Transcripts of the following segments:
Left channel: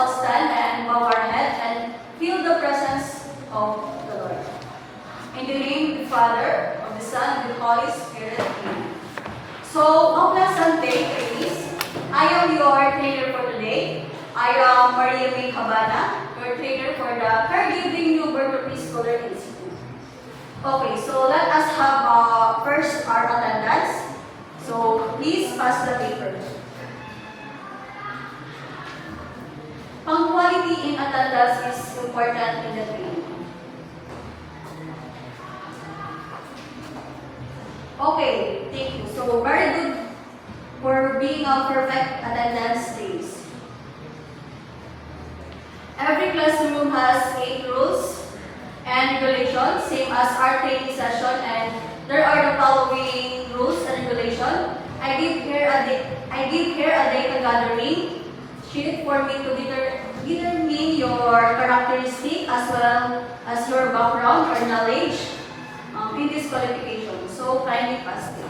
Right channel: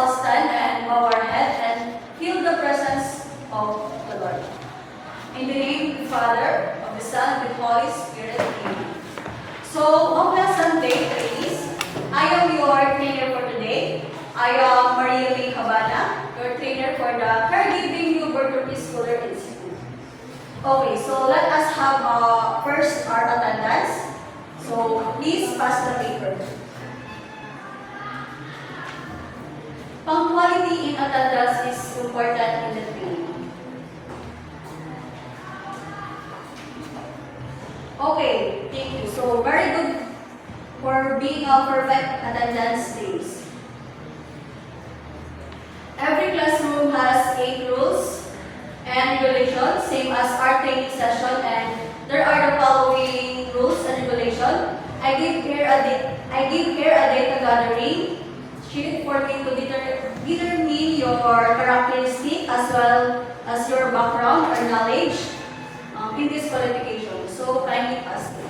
all stand and bow our head and feel the presence of the Lord. In the name of the Father, of the Son, and of the Holy Spirit. Amen. So, a pleasant day, ladies. I am your trainer for today. I am Maria May Cabana, your trainer for the Caregiving New Birth Preschooler Institute. Okay, so let us have first our attendance. So, please pass the paper. Punctuality in attendance is important in the training. Okay, thank you. So, very good for being a perfect attendance days. Every classroom has 8 rules and regulations, same as our training session, and there are the following rules and regulations. I give here a data gathering sheet for me to determine your characteristic as well as your background or knowledge in this qualification. So kindly pass it.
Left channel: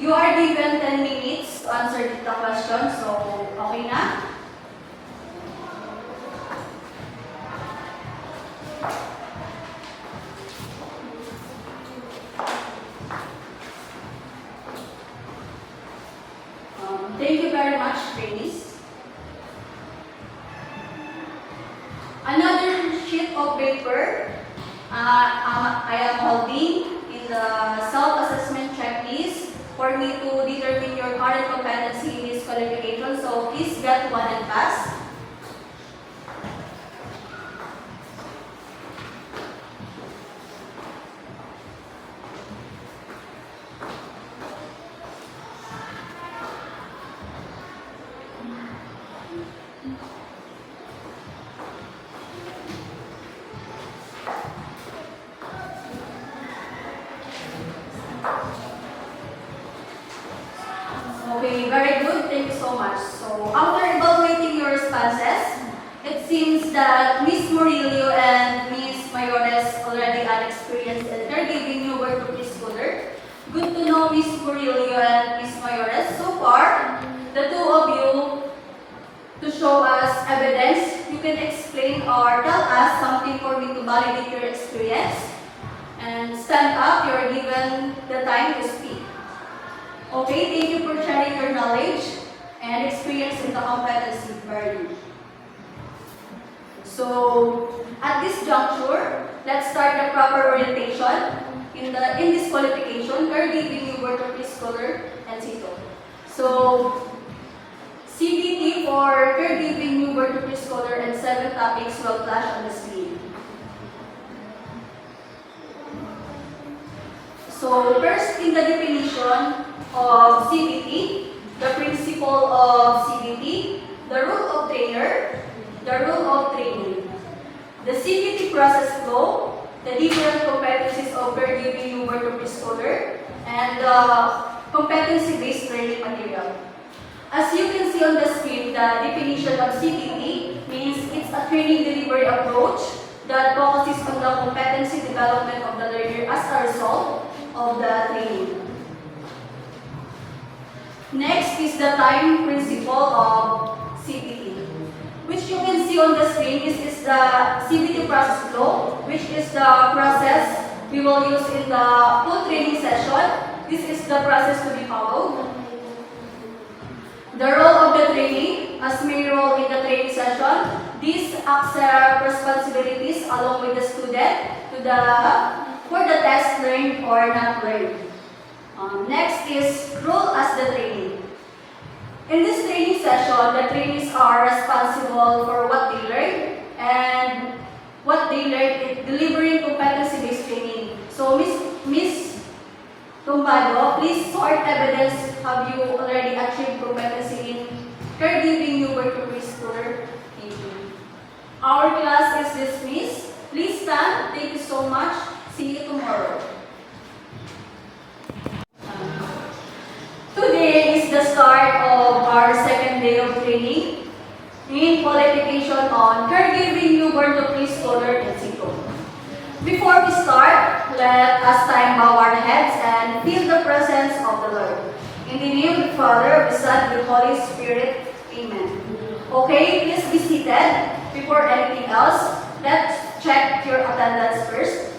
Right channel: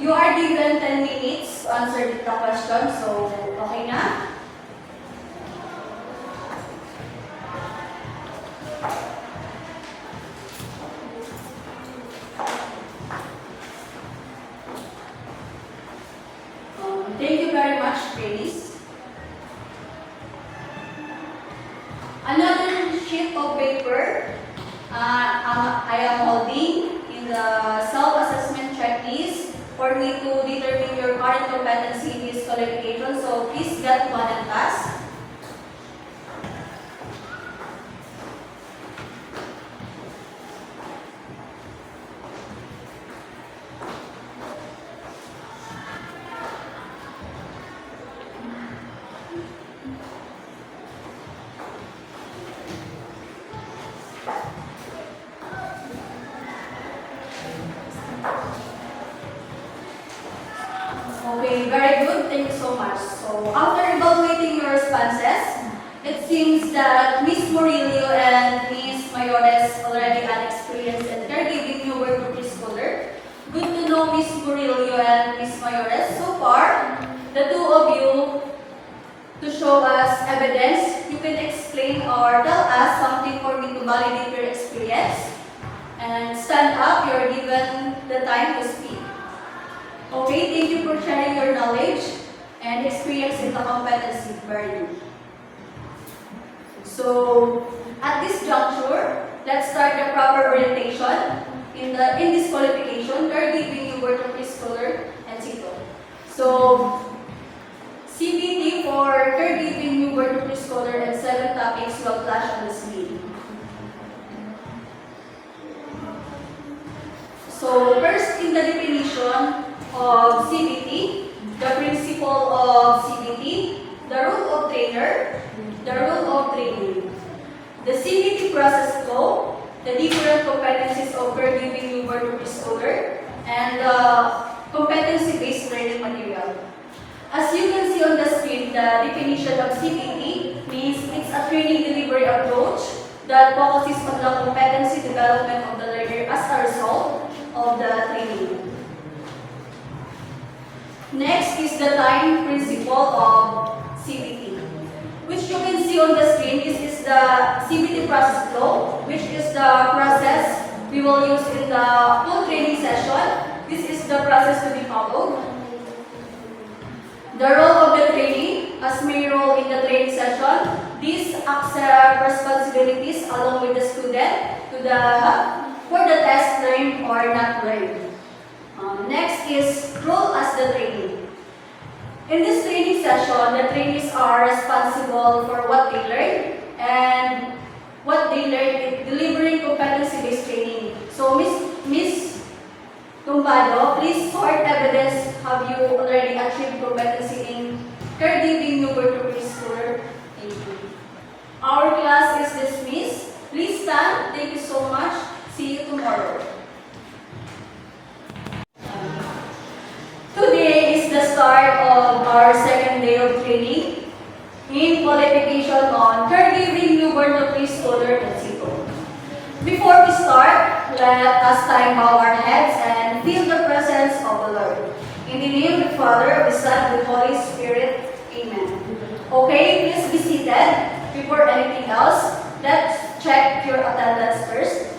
You are given 10 minutes to answer the question, so okay na? Thank you very much, ladies. Another sheet of paper I am holding is a self-assessment checklist for me to determine your current competency in this qualification. So please get one and pass. Okay, very good. Thank you so much. So, after evaluating your responses, it seems that Ms. Murillo and Ms. Mayores already had experience in caregiving new birth preschooler. Good to know Ms. Murillo and Ms. Mayores. So far, the two of you, to show us evidence, you can explain or tell us something for me to validate your experience. And stand up, you're given the time to speak. Okay, thank you for sharing your knowledge and experience in the competency value. So, at this juncture, let's start the proper orientation in this qualification, caregiving new birth preschooler and CITO. So, CBT for caregiving new birth preschooler and 7 topics will flash on the screen. So, first in the definition of CBT, the principle of CBT, the rule of trainer, the rule of training, the CBT process flow, the different competencies of caregiving new birth preschooler, and the competency-based learning material. As you can see on the screen, the definition of CBT means it's a training delivery approach that focuses on the competency development of the learner as a result of the training. Next is the time principle of CBT, which you can see on the screen. This is the CBT process flow, which is the process we will use in the full training session. This is the process to be followed. The role of the trainee, as main role in the training session, these accept responsibilities along with the student for the test learned or not learned. Next is role as the trainee. In this training session, the trainees are responsible for what they learn, and what they learn is delivering competency-based training. So, Miss Tumbado, please sort evidence. Have you already achieved competency in caregiving new birth preschooler? Thank you. Our class is dismissed. Please stand. Thank you so much. See you tomorrow. Today is the start of our second day of training in qualification on caregiving new newborn to preschooler in situ. Before we start, let us time bow our heads and feel the presence of the Lord. In the name of the Father, of the Son, and the Holy Spirit. Amen. Okay, please be seated. Before anything else, let's check your attendance first.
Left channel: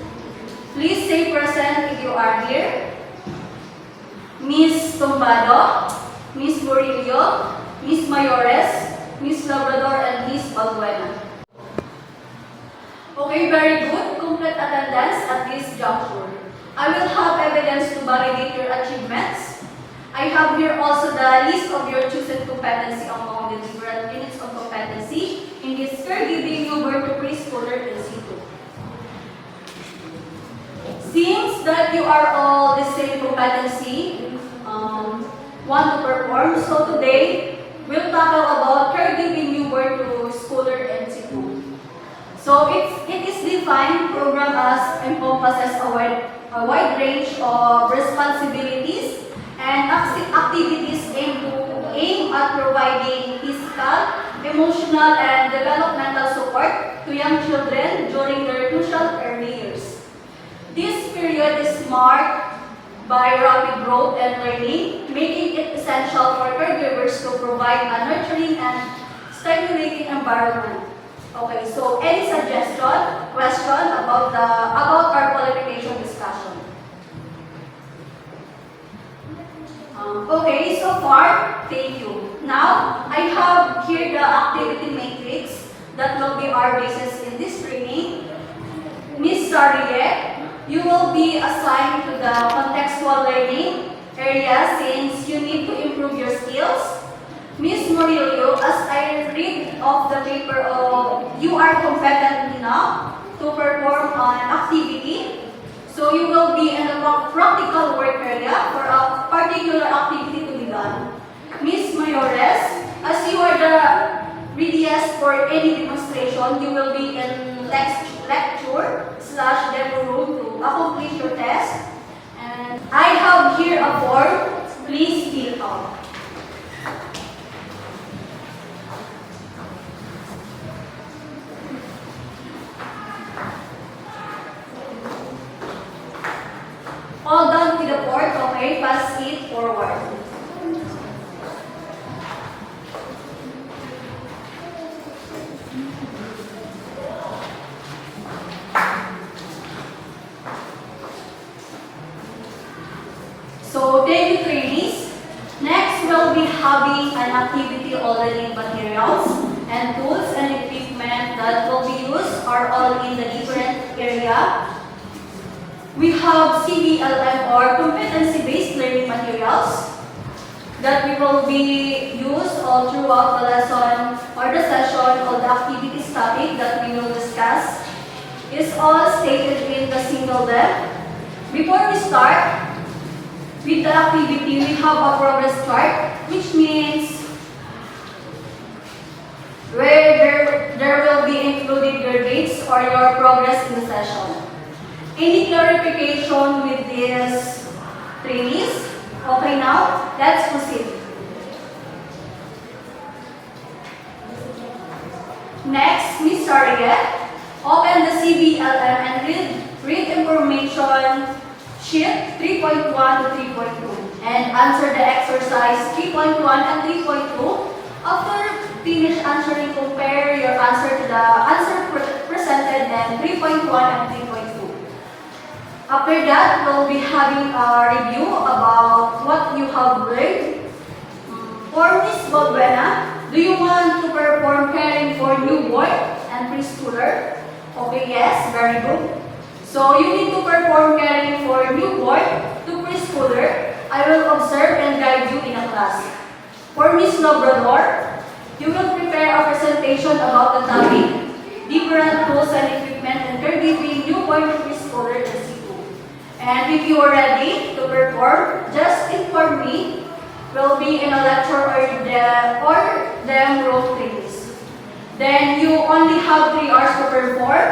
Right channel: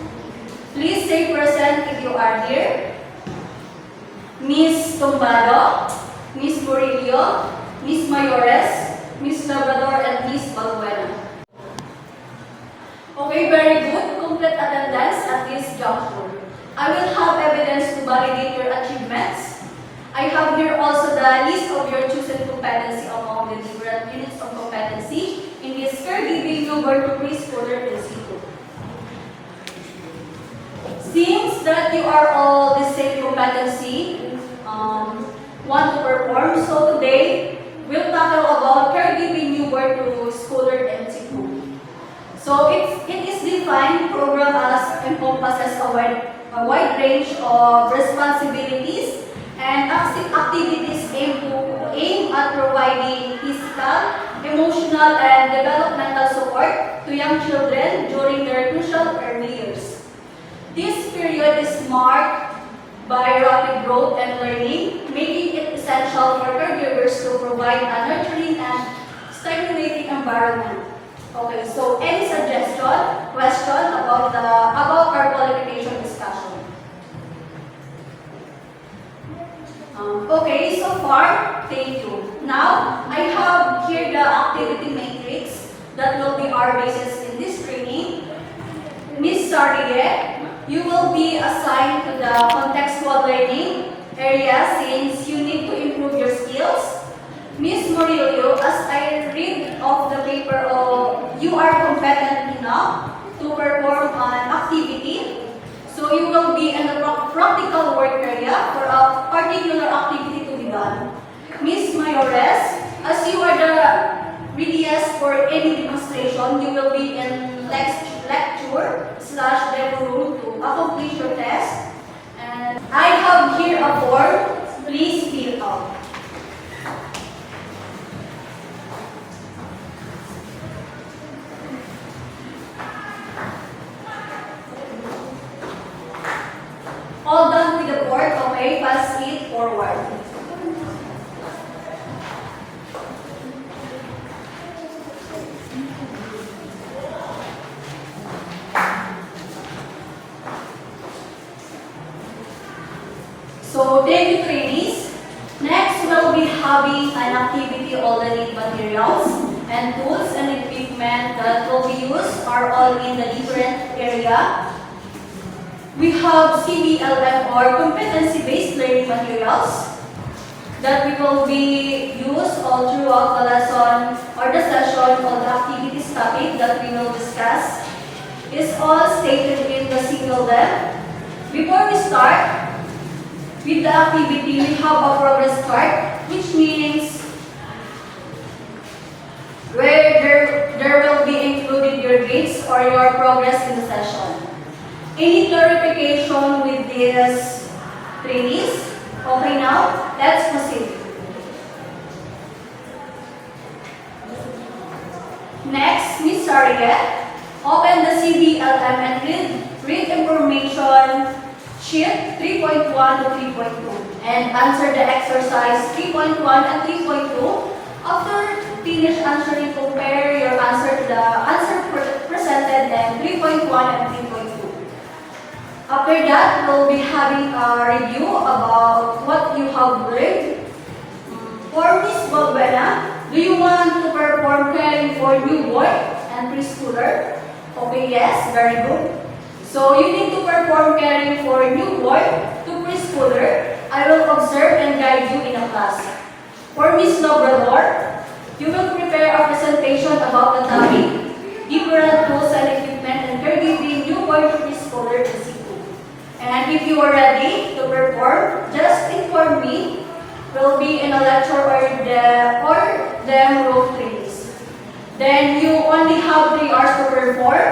Please say present if you are here. Miss Tumbado, Miss Murillo, Miss Mayores, Miss Labrador, and Miss Balbuena. Okay, very good. Complete attendance at this juncture. I will have evidence to validate your achievements. I have here also the list of your chosen competency among the different units of competency in this caregiving newborn to preschooler in situ. Seems that you are all the same competency, want to perform, so today we'll tackle about caregiving newborn to schooler in situ. So it is defined program as encompasses a wide range of responsibilities and activities aim at providing physical, emotional, and developmental support to young children during their crucial early years. This period is marked by rapid growth and learning, making it essential for caregivers to provide a nurturing and stimulating environment. Okay, so any suggestion, question about our qualification discussion? Okay, so far, thank you. Now, I have here the activity matrix that will be our basis in this training. Ms. Sarie, you will be assigned to the contextual learning area since you need to improve your skills. Ms. Murillo, as I read off the paper, you are competent enough to perform an activity. So you will be in the practical work area for a particular activity to be done. Ms. Mayores, as you are the readiest for any demonstration, you will be in lecture/demo room to accomplish your test. And I have here a form. Please fill out. All done with the board, okay, pass it forward. So, daily trainees, next we'll be having an activity all the need materials and tools and equipment that will be used are all in the different area. We have CBLM or competency-based learning materials that we will be used all throughout the lesson or the session or the activities topic that we will discuss. Is all stated in the single lab. Before we start with the activity, we have a progress card, which means where there will be included your grades or your progress in the session. Any clarification with these trainees? Okay, now let's proceed. Next, Ms. Sarriet, open the CBLM and read information sheet 3.1 to 3.2 and answer the exercise 3.1 and 3.2. After finish answering, compare your answer to the answer presented in 3.1 and 3.2. After that, we'll be having a review about what you have learned. For Ms. Balbuena, do you want to perform caring for newborn and preschooler? Okay, yes, very good. So you need to perform caring for newborn to preschooler. I will observe and guide you in a class. For Ms. Labrador, you will prepare a presentation about the topic, different tools and equipment and caregiving newborn to preschooler in situ. And if you are ready to perform, just inform me. We'll be in a lecture or them room trainees. Then you only have 3 hours to perform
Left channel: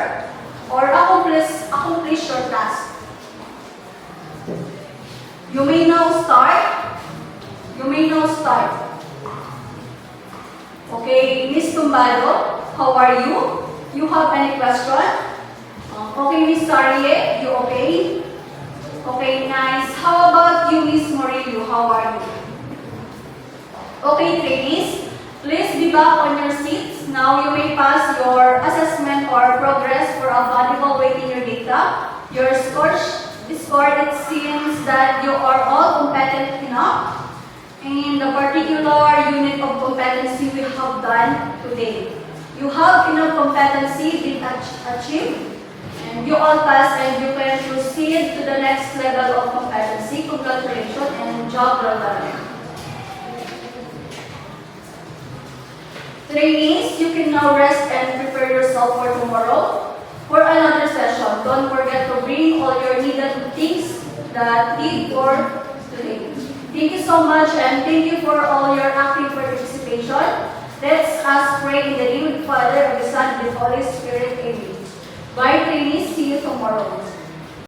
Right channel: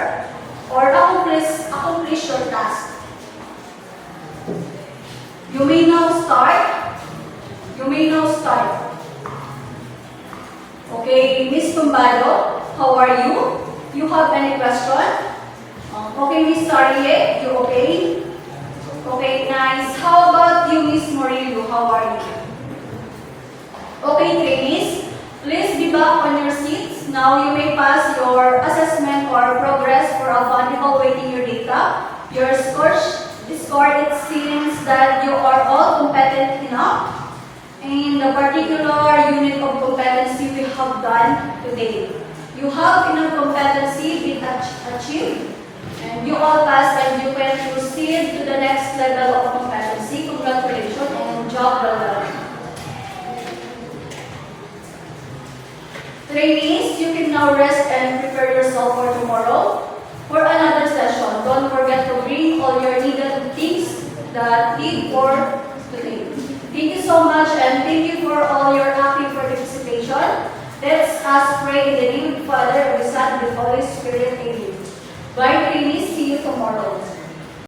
or accomplish your task. You may now start. Okay, Ms. Tumbado, how are you? You have any question? Okay, Miss Sarie, you okay? Okay, nice. How about you, Miss Morillo? How are you? Okay, trainees, please be back on your seats. Now you may pass your assessment or progress for evaluating your data. Your score, it seems that you are all competent enough. In the particular unit of competency we have done today. You have enough competency been achieved, and you all pass and you can proceed to the next level of competency. Congratulations and job well done. Trainees, you can now rest and prepare yourself for tomorrow for another session. Don't forget to bring all your needed things that need for today. Thank you so much and thank you for all your active participation. Let's us pray in the name of the Father, of the Son, and the Holy Spirit. Amen. Bye, trainees. See you tomorrow.